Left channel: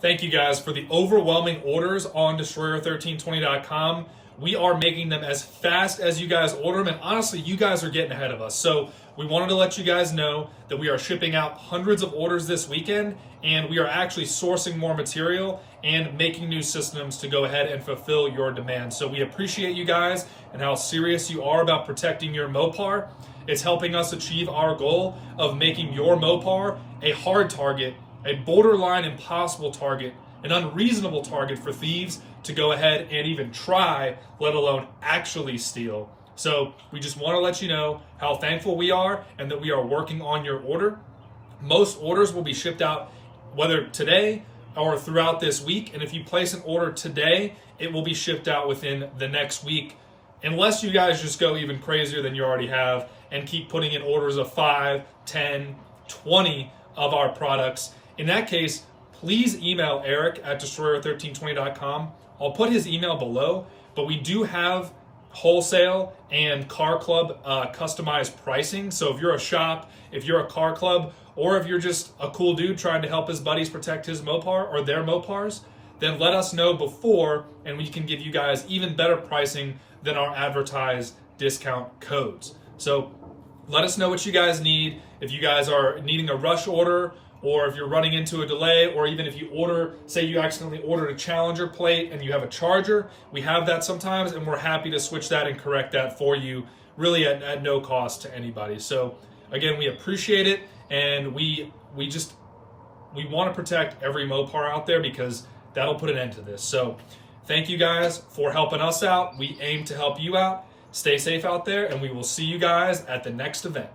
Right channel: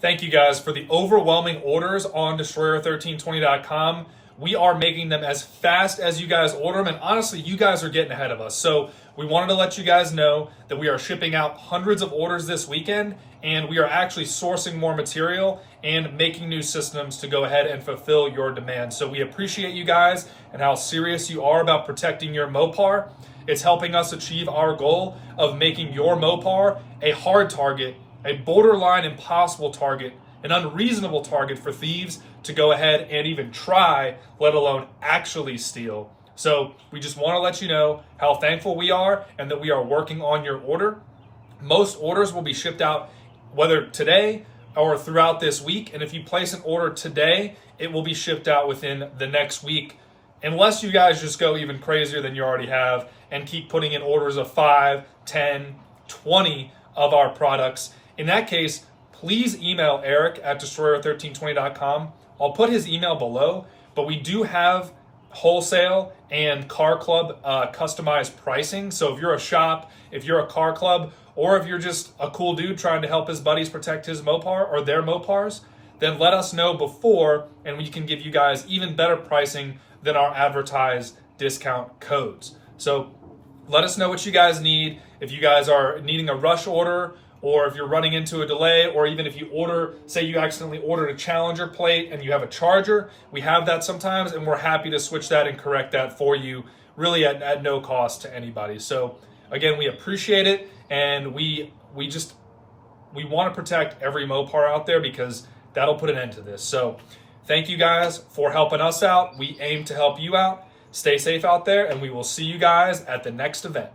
Thank you guys for the overwhelming orders on Destroyer1320.com. We are making them as fast as you guys order them, and honestly, you guys are getting ahead of us. So we wanted to let you guys know that we are shipping out hundreds of orders this weekend, and we are actually sourcing more material and making new systems to go ahead and fulfill your demand. So we appreciate you guys and how serious you are about protecting your Mopar. It's helping us achieve our goal of making your Mopar a hard target, a borderline impossible target, an unreasonable target for thieves to go ahead and even try, let alone actually steal. So we just want to let you know how thankful we are and that we are working on your order. Most orders will be shipped out whether today or throughout this week. And if you place an order today, it will be shipped out within the next week, unless you guys just go even crazier than you already have and keep putting in orders of 5, 10, 20 of our products. In that case, please email Eric at Destroyer1320.com. I'll put his email below, but we do have wholesale and car club customized pricing. So if you're a shop, if you're a car club, or if you're just a cool dude trying to help his buddies protect his Mopar or their Mopars, then let us know before and we can give you guys even better pricing than our advertised discount codes. So let us know what you guys need. If you guys are needing a rush order, or if you're running into a delay, or even if you order, say you accidentally ordered a Challenger plate and you have a Charger, we have that sometimes, and we're happy to switch that and correct that for you, really at no cost to anybody. So again, we appreciate it, and we want to protect every Mopar out there because that'll put an end to this. So thank you guys for helping us out. We aim to help you out. Stay safe out there, and we will see you guys at the next event.